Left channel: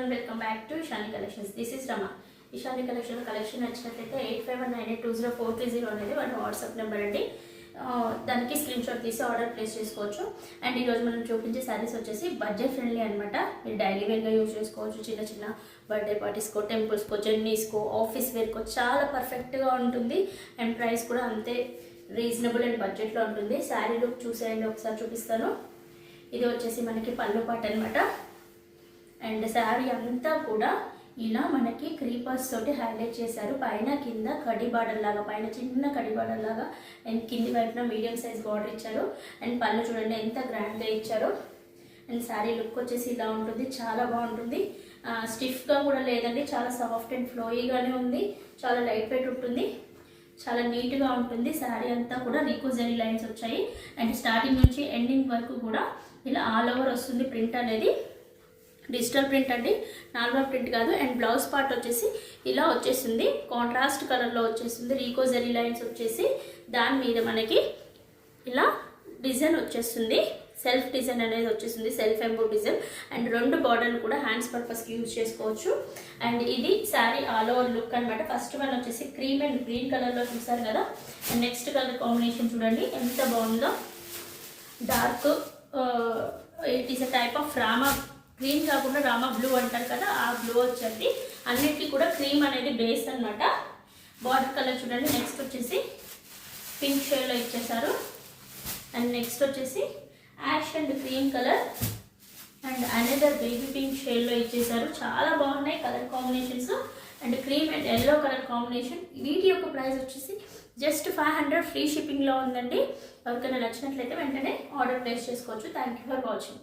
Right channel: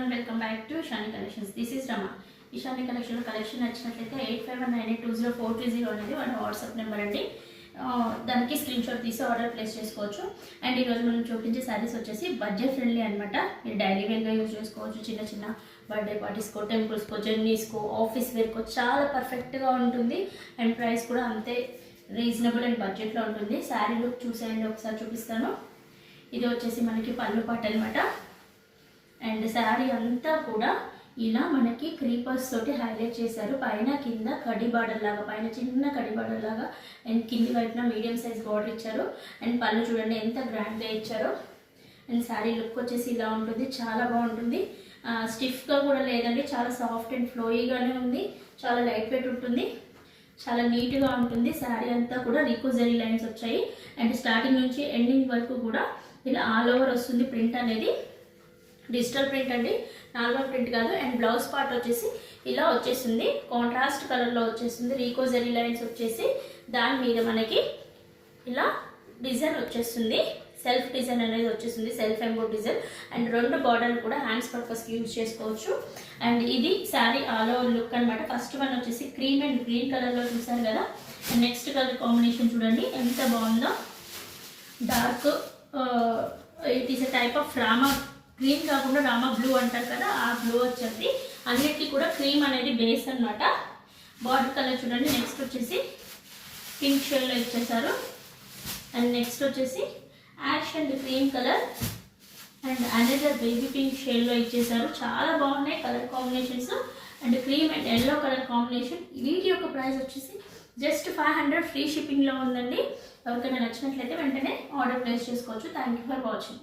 Welcome back to Ishani collections. This is Rama. Ishani కలెక్షన్లో collection నచ్చినట్లయితే 8519820430 అనేది మన వాట్సాప్ నెంబర్ అండి. దానికి స్క్రీన్ షాట్ తీసి ఆర్డర్ ప్లేస్ చేసుకోవచ్చు. అండ్ ఈరోజు మనం చూపించే శారీస్ వచ్చేసి బడ్జెట్ ఫ్రెండ్లీ అనమాట. మీరు డైలీ వేర్గా యూజ్ చేసుకోవచ్చు. చిన్న చిన్న బర్త్డే పార్టీస్కో, టెంపుల్స్కో, జర్నీస్కో, ఆఫీస్ వేర్కో చాలా పర్ఫెక్ట్గా ఉంటుంది. అండ్ ప్రైస్ కూడా అంతే రీజనబుల్ అండ్ బడ్జెట్లో ఉంటుంది. శారీ లుక్ చూసేయండి, ఒకసారి చూపిస్తాను. ఇది వచ్చేసి మనకి పళ్ళు పాట అనమాట. అండ్ శారీ అంతా కూడా ఇలా మనకి క్రీపర్స్ తోటి హైలైట్ చేశారు. పైన కింద కడి బార్డర్ లాగా, పైన చిన్న కడి బార్డర్ లాగా, అండ్ కింది వైపున మీడియం సైజ్ బార్డర్ ఇచ్చారు. అండ్ పళ్ళు చూడండి ఎంత గ్రాండ్గా ఇచ్చారు. అండ్ శారీ లుక్ వచ్చేసి ఇలా ఉంటుంది, చాలా బాగుంటుంది. స్టిఫ్గా కూడా లేదండి, చాలా సాఫ్ట్ అండ్ ఫ్లోయీగానే ఉంది. చాలా లైట్ వెయిట్ ఉంటుంది, చాలా నీట్గా ఉంటుంది. శారీ అంతా కూడా రికోజరీ లైన్స్ వచ్చాయి. అండ్ స్టార్టింగ్ నుంచి ఎండింగ్ వరకు కూడా ఇలా ఆల్ ఓవర్ వస్తుంది. ప్రింట్ అనేది డిజిటల్ ప్రింట్ అండి, నార్మల్ ప్రింట్ కాదు. అండ్ బ్లౌజ్ పార్ట్ వచ్చేసి ఇలా వచ్చేసింది, కాంట్రాస్ట్ కలర్లో వచ్చేసింది. రీకోజరీ లైన్స్ వచ్చేసి దాని మీద మనకి ఇలా డిజైన్ వచ్చేస్తుంది, సెల్ఫ్ డిజైన్ అనేది వచ్చేసింది, సెల్ఫ్ ఎంబో డిజైన్. అండ్ రెండు బార్డర్లు కూడా హ్యాండ్స్ పర్పస్కి యూజ్ చేసుకోవచ్చు. అండ్ ఇది శారీ ఆల్ ఓవర్ లుక్ అనమాట. ఫస్ట్ వన్ వచ్చేసి క్రీమ్ అండ్ గ్రీన్ కలర్లో చూసారు కదా. అండ్ నెక్స్ట్ కలర్ కాంబినేషన్ చూడండి ఎంత బాగుందో. Dark it is a type of Rama green కాకుండా రామా బ్లూ అంటారు కదా, ఆ బ్లూ వచ్చేది. అన్నిటికీ కూడా క్రీమ్ అనేది బేస్ అనమాట. బార్డర్ కలర్ చూడండి. నెక్స్ట్ వచ్చేసి పింక్ షేడ్లో ఇచ్చేసారు. అండ్ నెక్స్ట్ వచ్చేసి ash and cream colour and another baby pink షేడ్లో ఇచ్చేసారు. చాలా బాగున్నాయి colour combinations. And cream and yellow colour combination. వీటి యొక్క ప్రైస్ వచ్చేసి జస్ట్ 500 ఫ్రీ షిప్పింగ్లో ఉందండి. ఎవరికైనా నచ్చినట్లయితే వెంటనే ఆర్డర్ ప్లేస్ చేసుకోవచ్చు. Thank you for watching.